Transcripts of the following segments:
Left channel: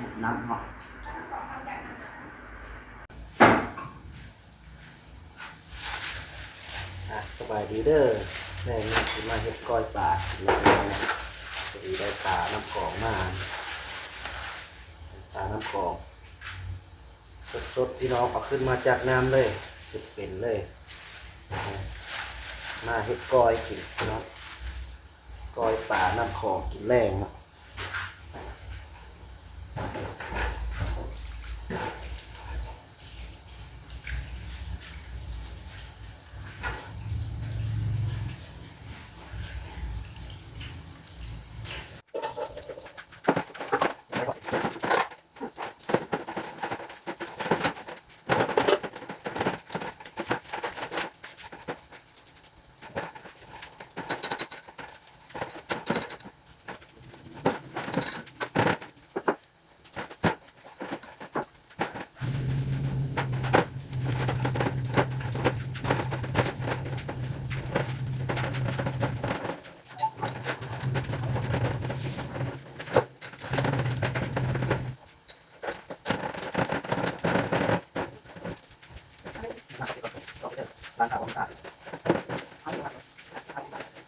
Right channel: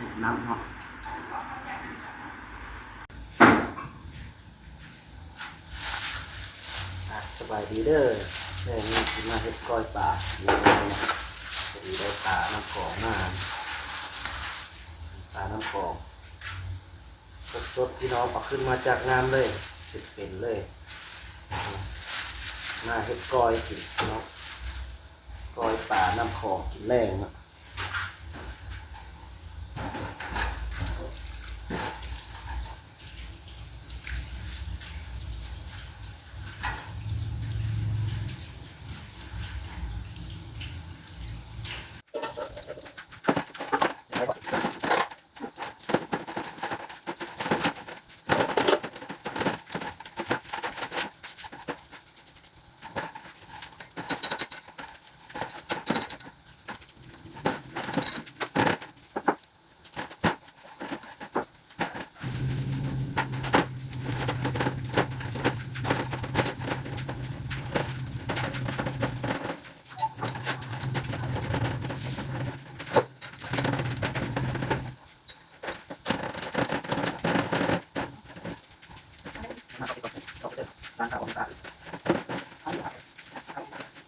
สูบน้ำเนาะสบายดีเด้อแม่นี่กินมาเฮ็ดก้อยปลาแล้วเนี่ยพอดีได้ปลาน้ำกรองมาปลาน้ำกรองสดๆที่น้องเอาขึ้นมาจากน้ำเลยเป็นเลยมาเฮ็ดก้อยกินเนาะก้อยปลาน้ำคลองกินแรงนะร้านขายของต่าง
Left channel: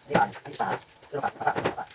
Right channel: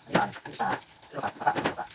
นี่ร้านที่ตาเรื่องแบบพระต่าง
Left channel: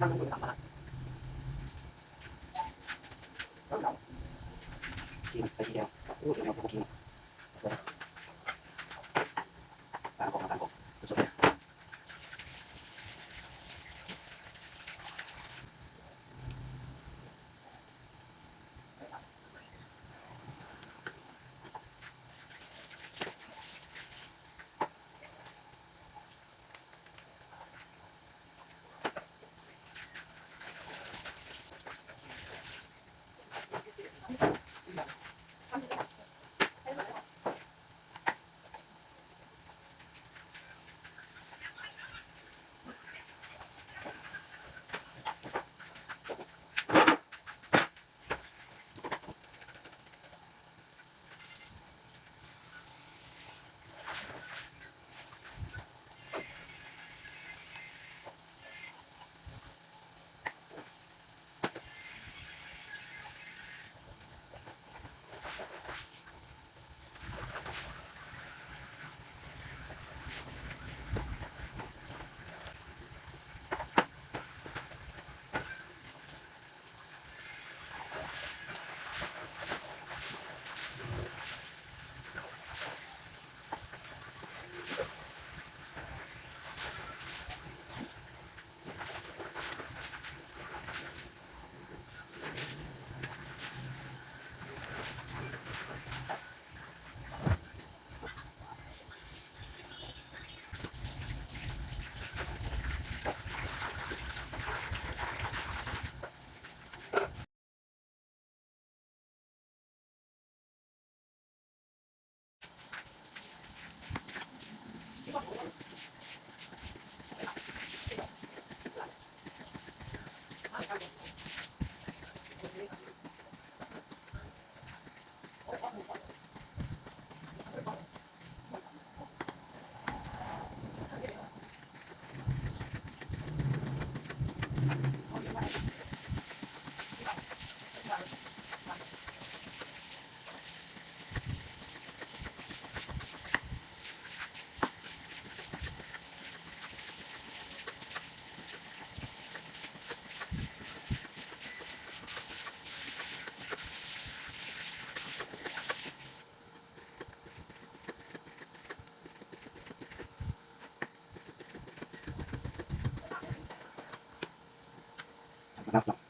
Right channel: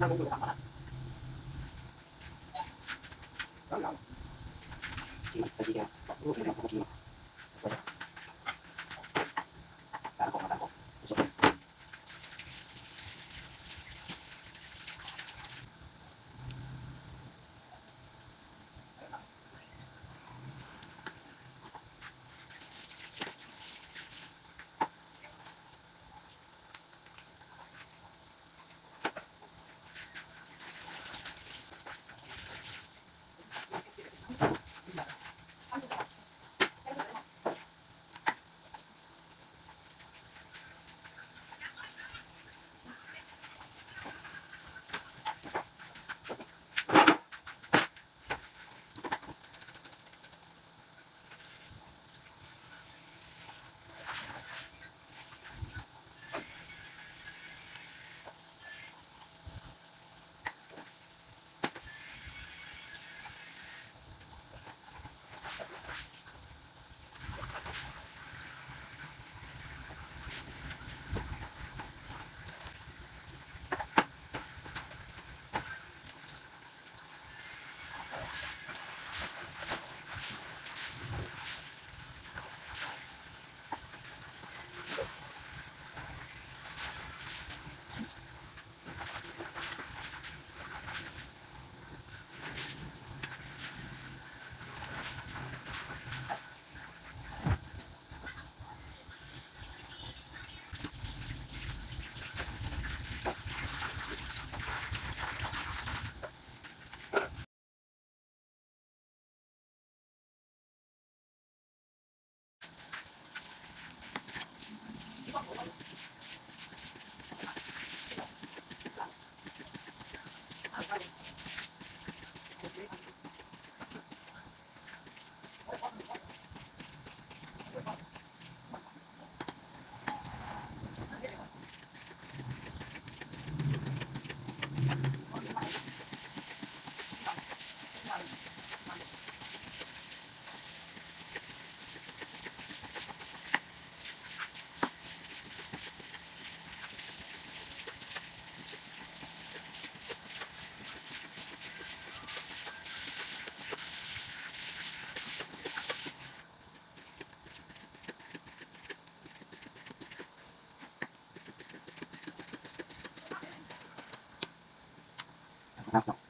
นั่งดูทำมาแล้วเรากินไปทีเดียวลูกเดียวเรากินตาของสุดๆนะครับ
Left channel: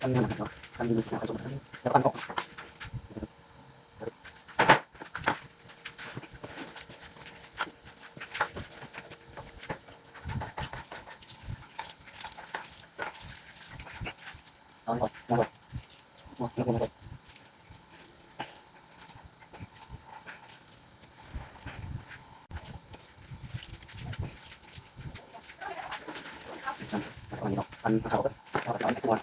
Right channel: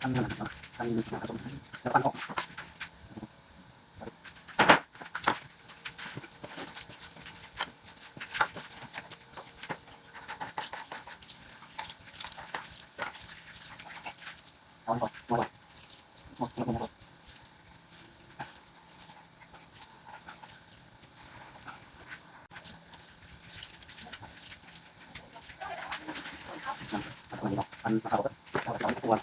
ทำงานเนาะทำดีๆผสมแล้วกันออกเอาหมดเอาหมดเอาหมดเอาหมดอันนี้เนาะอันเขาก็เอาไปตัว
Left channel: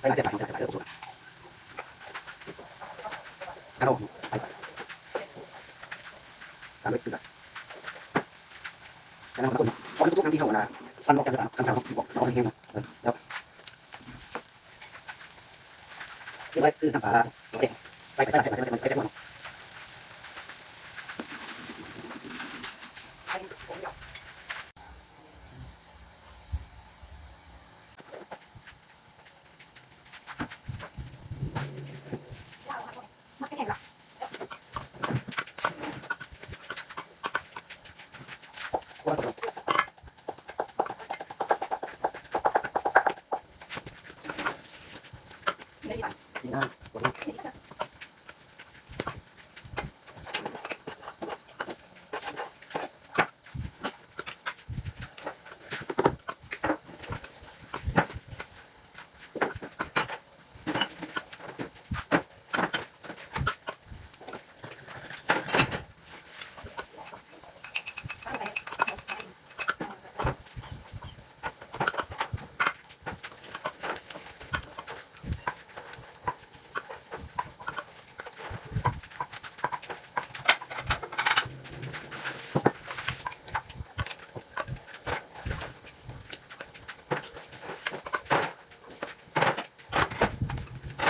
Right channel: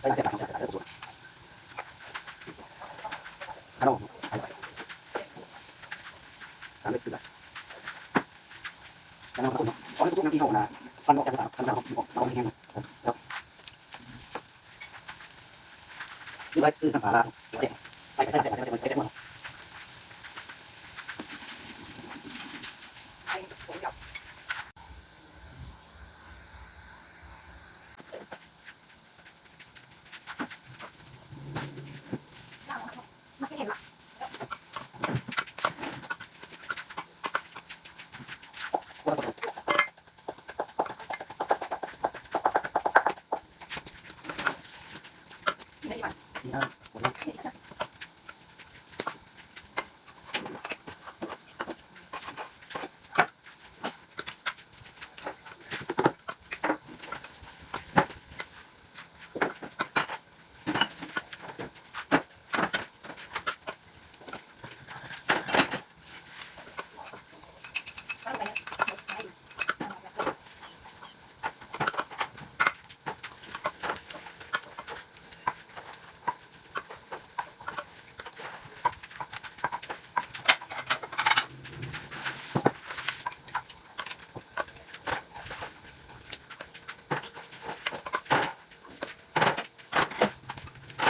ใส่เสร็จแล้วใส่เสร็จแล้วกระโดดใส่ไปตามด้วยเกลือกระโดดเอาไปทุกน้ำที่เขานะมันบอกจะทำเขาเอาไปแห้งแล้วคืออะไรคือน้ำปลาโอเคใส่หมดสีน้ำหมดแล้ว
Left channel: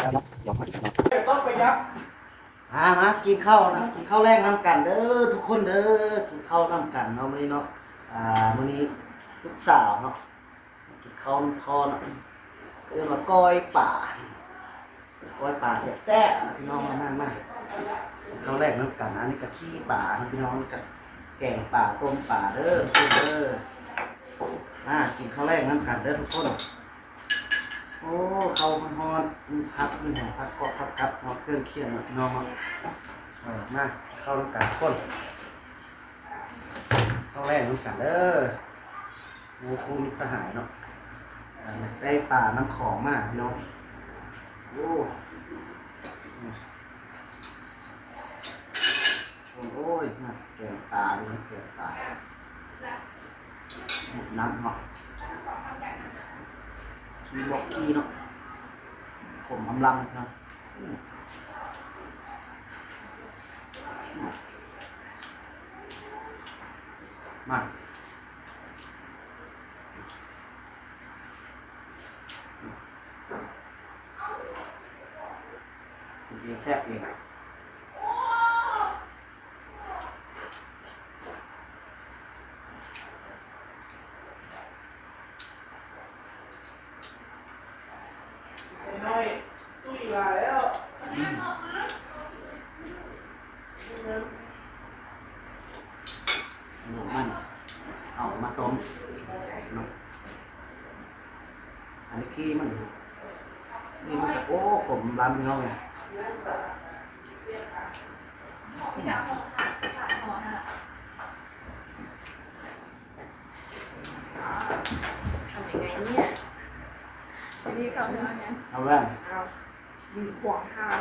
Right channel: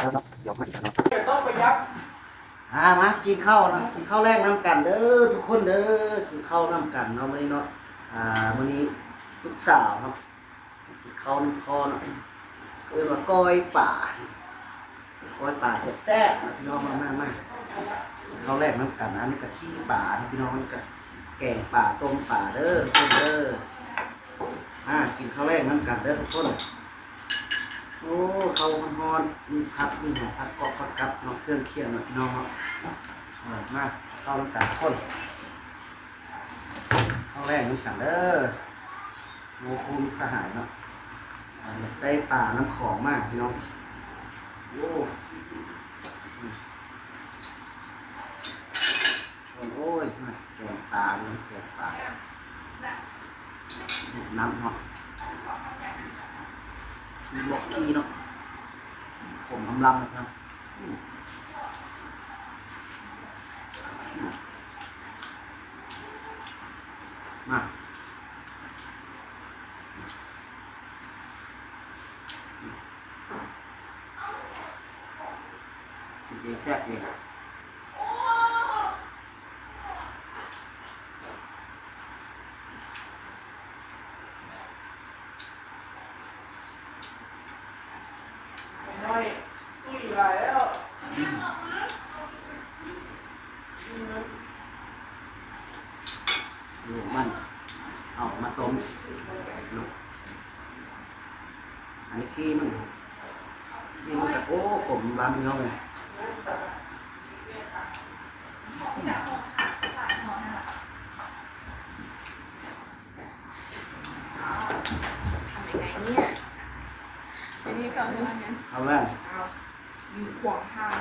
แล้วเนาะเดี๋ยวมาอีกแล้วต้องไปยักมากินข้าวนะกินข้าวแรกน้ำกันเด้อทุกคนเด้อกินข้าวน้ำกันเนาะมื้อนี้เนาะมื้อนี้ลูกสาวเนาะกินข้าวน้ำพอเนาะเรียกว่าก้อยป่าแซ่บๆพี่น้องมาข้าวแรกน้ำกันอันนี้กะทิป่านะพี่น้องนี่กะแกงป่าต้มป่าเด้อทุกคนเด้อมากินข้าวแรกน้ำกันเด้อทุกคนโอ้ข้าวฮ้อนๆมีผักมีหอมผักกรอบผักกับเนาะเครื่องเคียงเนาะพี่น้องเนาะมาข้าวน้ำกันทุกคนข้าวแรกน้ำกันเด้อโอ้คูมิสหายเนาะได้ป่าน้ำของมากพี่น้องโอ้โอ้ยมาแกงปลาเนาะแกงปลาน้ำเนาะขี้บอกขี้เนาะผมอำลำนะครับมากินเองแซ่บเองน้อยตุ้ยมาแล้ว ลูกมันเอามาต้มลูกอันนี้ขี้มันกับโอ้ผมลำพี่น้องเลยทำยังไงเนี่ยทีนี้เขาเท่านั้น เอาแว่น เอาอยู่ขวางทาง